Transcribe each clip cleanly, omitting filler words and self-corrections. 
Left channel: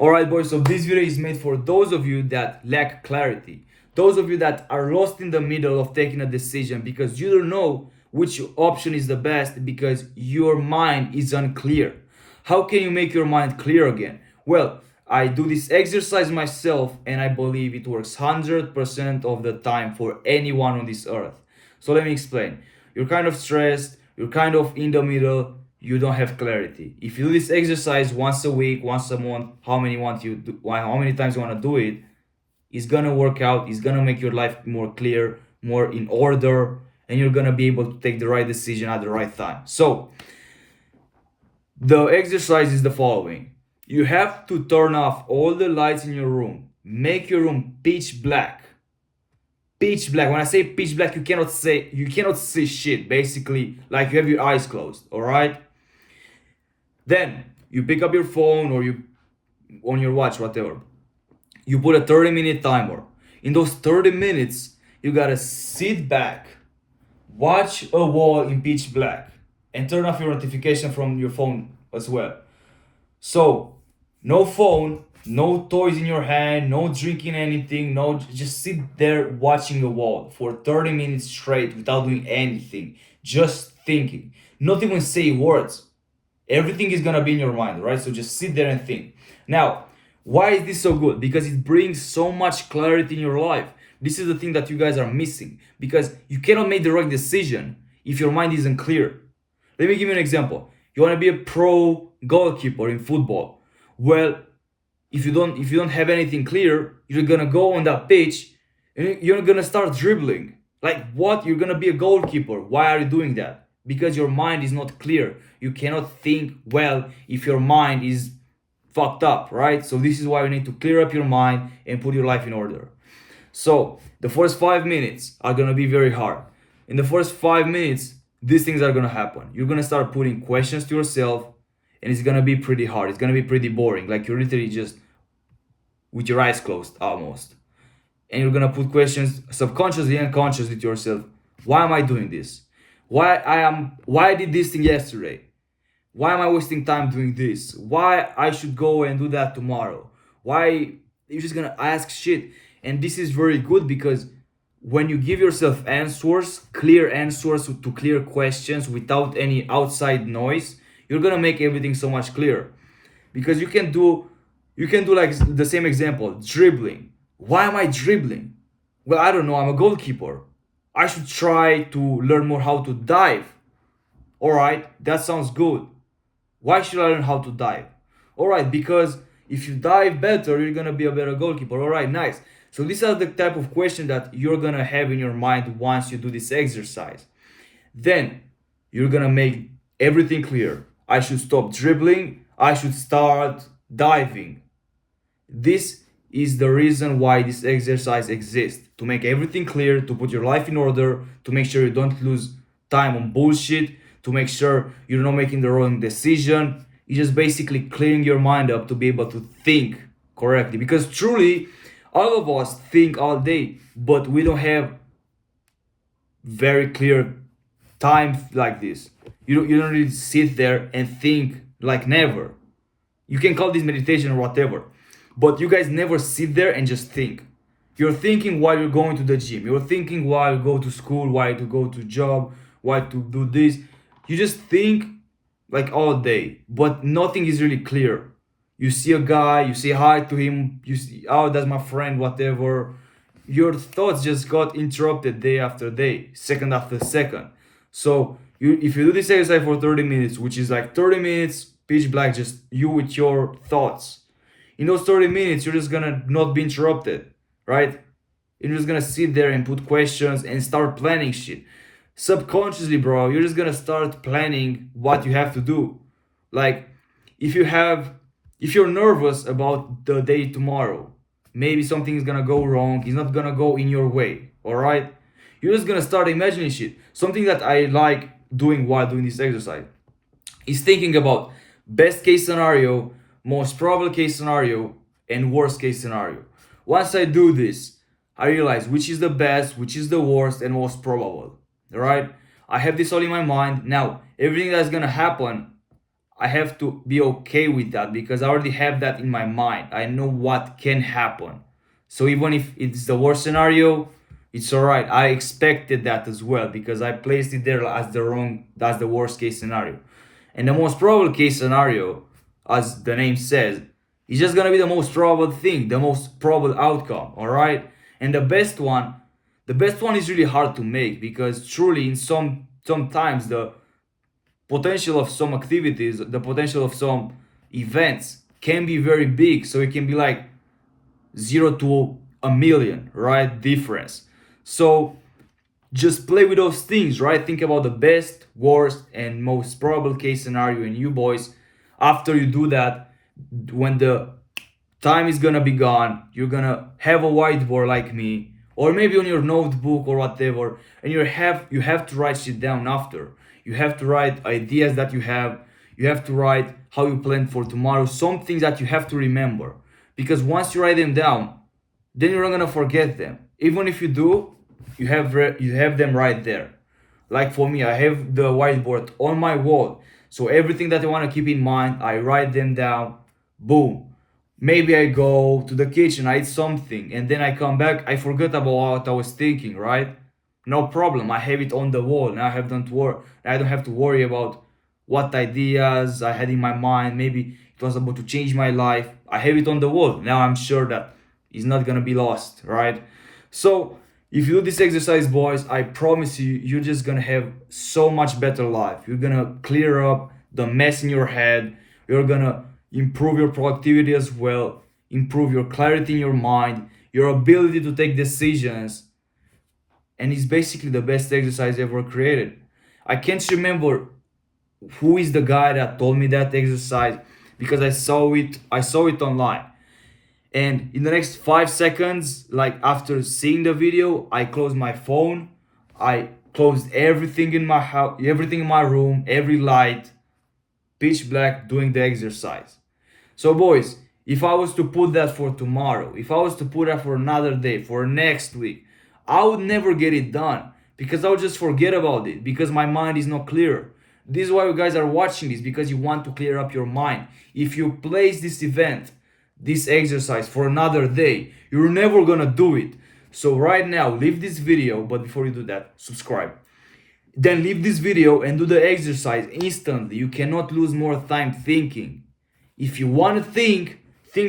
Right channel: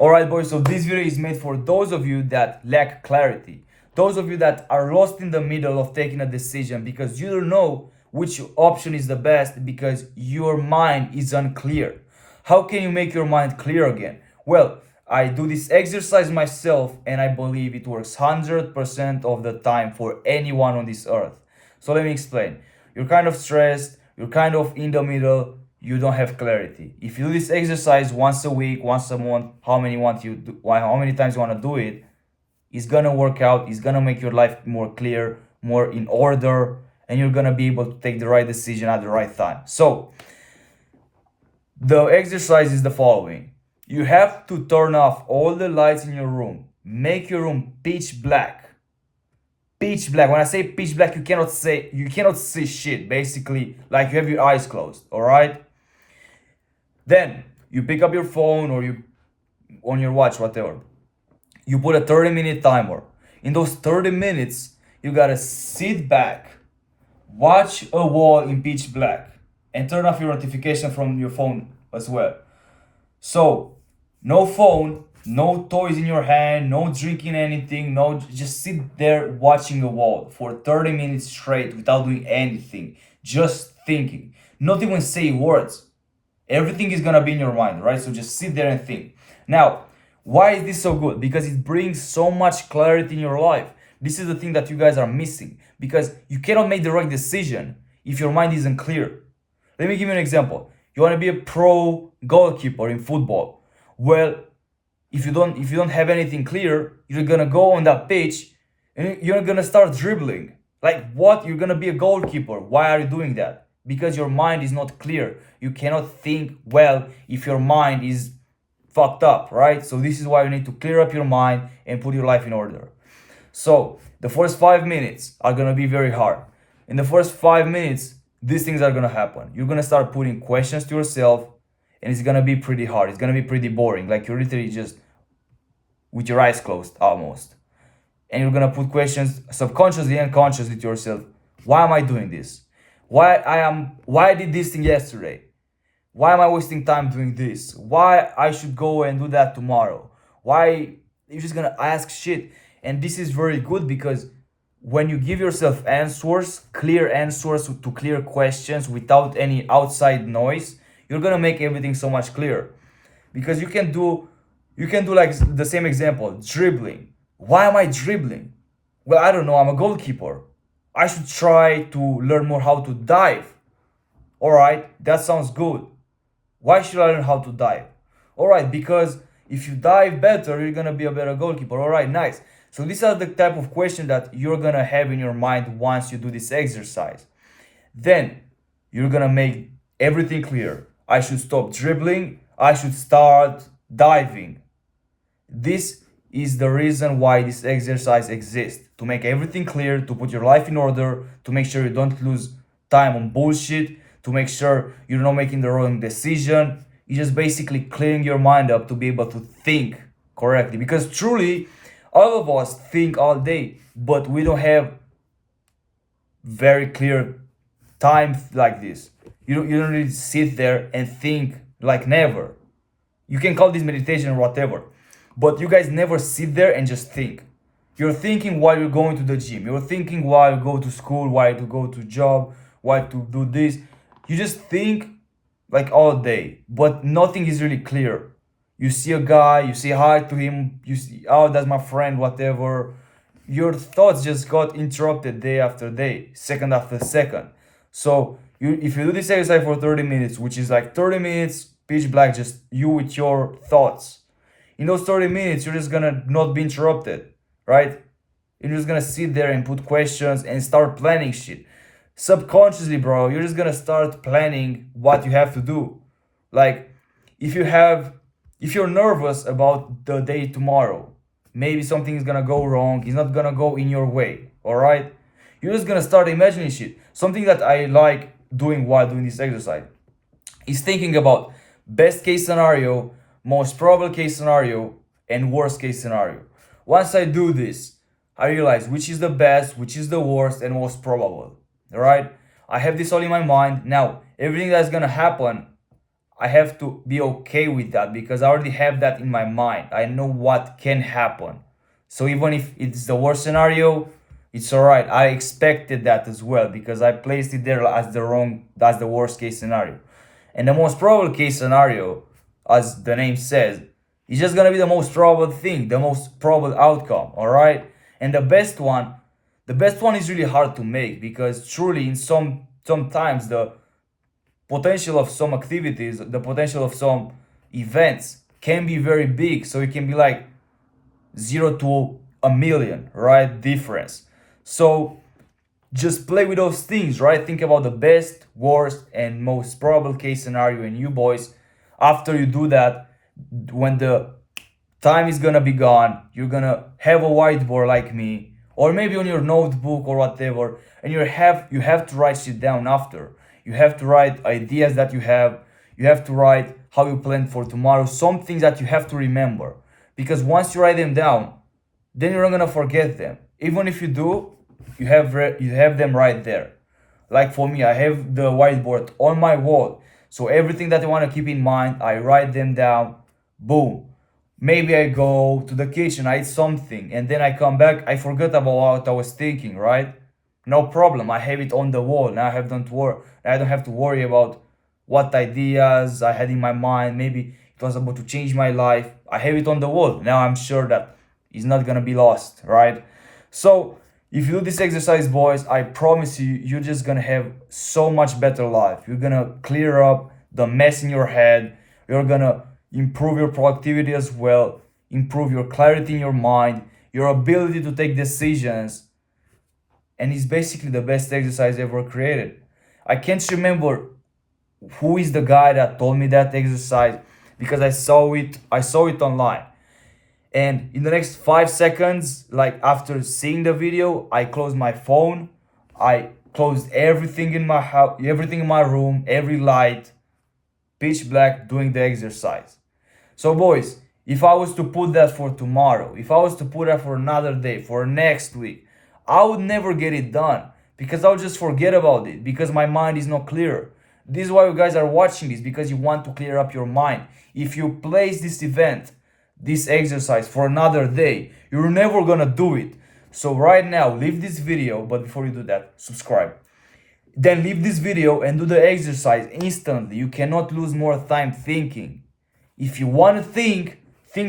Alright boys, so this video is made for those of you that lack clarity. Those of you that are lost in the middle of taking a decision because you don't know which option is the best because your mind is unclear. How can you make your mind clear again? Well, I do this exercise myself and I believe it works 100% of the time for anyone on this earth. So let me explain. You're kind of stressed, you're kind of in the middle, you don't have clarity. If you do this exercise once a week, once a month, how many times you want to do it, it's gonna work out. It's gonna make your life more clear, more in order, and you're gonna be able to take the right decision at the right time. So the exercise is the following. You have to turn off all the lights in your room. Make your room pitch black. Pitch black. When I say pitch black, you cannot see shit. Basically, like you have your eyes closed. All right. Then you pick up your phone or you on your watch, whatever. You put a 30-minute timer. In those 30 minutes, you gotta sit back, watch a wall in pitch black, and turn off your notification from your phone as well. So, no phone, no toys in your hand, no drinking anything, no, just sit there watching the wall for 30 minutes straight without doing anything, just thinking, not even say words. Everything is gonna be in your mind, right? So just sit there and think. Now, why is this so good? Because it brings so much clarity in your life. This is the thing that you guys are missing because you cannot make the right decision if your mind isn't clear. Let me give you an example. You want to be a pro goalkeeper in football. Well, if you don't have anything clear, you're gonna go on that pitch and you're gonna start dribbling. Like what? You're gonna be a goalkeeper. Why are you doing that? Because your mind is not clear. You cannot think well if your mind is fucked up, right? So this is why you need to clear up your mind and put your life in order. So the first 5 minutes are gonna be very hard. In the first 5 minutes, these things are gonna happen. You're gonna start putting questions to yourself, and it's gonna be pretty hard. It's gonna be pretty boring. Like you're literally just with your eyes closed almost. And you're gonna put questions subconsciously and consciously to yourself. Why am I doing this? Why I did this thing yesterday? Why am I wasting time doing this? Why I should go and do that tomorrow? Why you're just gonna ask shit? And this is very good because when you give yourself answers, clear answers to clear questions without any outside noise, you're gonna make everything so much clearer. Because you can do like the same example, dribbling. Why am I dribbling? Well, I don't know, I'm a goalkeeper. I should try to learn more how to dive. Alright, that sounds good. Why should I learn how to dive? Alright, because if you dive better, you're gonna be a better goalkeeper. Alright, nice. So these are the type of question that you're gonna have in your mind once you do this exercise. Then you're gonna make everything clear. I should stop dribbling. I should start diving. This is the reason why this exercise exists. To make everything clear, to put your life in order, to make sure you don't lose time on bullshit, to make sure you're not making the wrong decision. It's just basically clearing your mind up to be able to think correctly. Because truly, all of us think all day, but we don't have very clear time like this. You don't really sit there and think like never. You can call this meditation or whatever, but you guys never sit there and just think. You're thinking while you're going to the gym. You're thinking while you go to school, while you go to job, while to do this. You just think like all day, but nothing is really clear. You see a guy, you say hi to him, you see, oh, that's my friend, whatever. Your thoughts just got interrupted day after day, second after second. So if you do this exercise for 30 minutes, which is like 30 minutes, pitch black, just you with your thoughts. In those 30 minutes, you're just gonna not be interrupted, right? You're just gonna sit there and put questions and start planning shit. Subconsciously, bro, you're just gonna start planning what you have to do. Like, if you're nervous about the day tomorrow, maybe something is gonna go wrong, it's not gonna go in your way, alright? You're just gonna start imagining shit. Something that I like doing while doing this exercise is thinking about best case scenario, most probable case scenario, and worst case scenario. Once I do this, I realize which is the best, which is the worst, and most probable. Alright? I have this all in my mind. Now, everything that's gonna happen, I have to be okay with that because I already have that in my mind. I know what can happen. So even if it's the worst scenario, it's all right. I expected that as well because I placed it there as the worst case scenario. And the most probable case scenario, as the name says, is just gonna be the most probable thing, the most probable outcome, all right? And the best one is really hard to make because truly in sometimes the potential of some activities, the potential of some events can be very big. So it can be like 0 to 1 million, right? Difference. So just play with those things, right? Think about the best, worst, and most probable case scenario in you, boys. After you do that, when the time is gonna be gone, you're gonna have a whiteboard like me, or maybe on your notebook or whatever, and you have to write shit down after. You have to write ideas that you have to write how you plan for tomorrow, some things that you have to remember. Because once you write them down, then you're not gonna forget them. Even if you do, you have them right there. Like for me, I have the whiteboard on my wall. So everything that I want to keep in mind, I write them down. Boom. Maybe I go to the kitchen, I eat something, and then I come back, I forget about what I was thinking, right? No problem. I have it on the wall. Now I don't have to worry about what ideas I had in my mind. Maybe it was about to change my life. I have it on the wall. Now I'm sure that it's not gonna be lost, right? So if you do this exercise, boys, I promise you, you're just gonna have so much better life. You're gonna clear up the mess in your head. You're gonna improve your productivity as well, improve your clarity in your mind, your ability to take decisions, and it's basically the best exercise ever created. I can't remember who is the guy that told me that exercise because I saw it online. And in the next 5 seconds, like after seeing the video, I closed my phone, I closed everything in my house, everything in my room, every light, pitch black, doing the exercise. So boys, if I was to put that for tomorrow, if I was to put that for another day, for next week, I would never get it done because I'll just forget about it because my mind is not clear. This is why you guys are watching this, because you want to clear up your mind. If you place this event, this exercise for another day, you're never gonna do it. So right now, leave this video, but before you do that, subscribe. Then leave this video and do the exercise instantly. You cannot lose more time thinking. If you want to think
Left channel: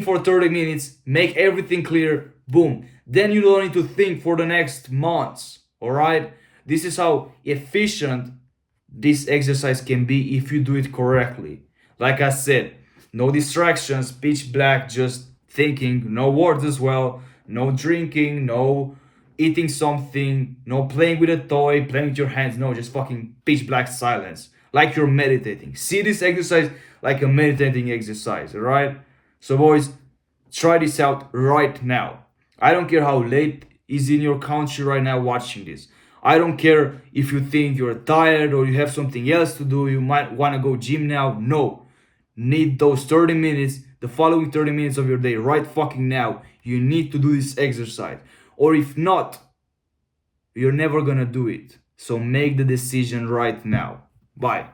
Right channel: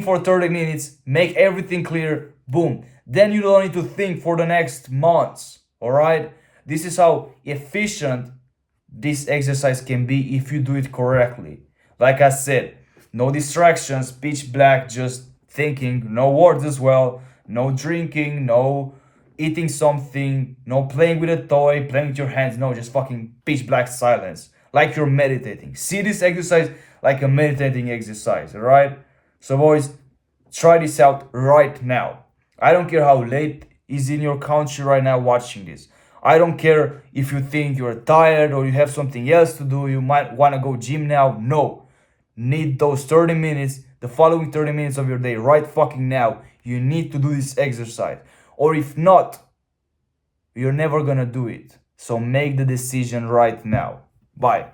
for 30 minutes, make everything clear, boom. Then you don't need to think for the next months, all right? This is how efficient this exercise can be if you do it correctly. Like I said, no distractions, pitch black, just thinking, no words as well, no drinking, no eating something, no playing with a toy, playing with your hands, no, just fucking pitch black silence, like you're meditating. See this exercise like a meditating exercise, alright? So boys, try this out right now. I don't care how late is in your country right now watching this. I don't care if you think you're tired or you have something else to do, you might want to go gym now. No. Need those 30 minutes, the following 30 minutes of your day right fucking now. You need to do this exercise. Or if not, you're never gonna do it. So make the decision right now. Bye.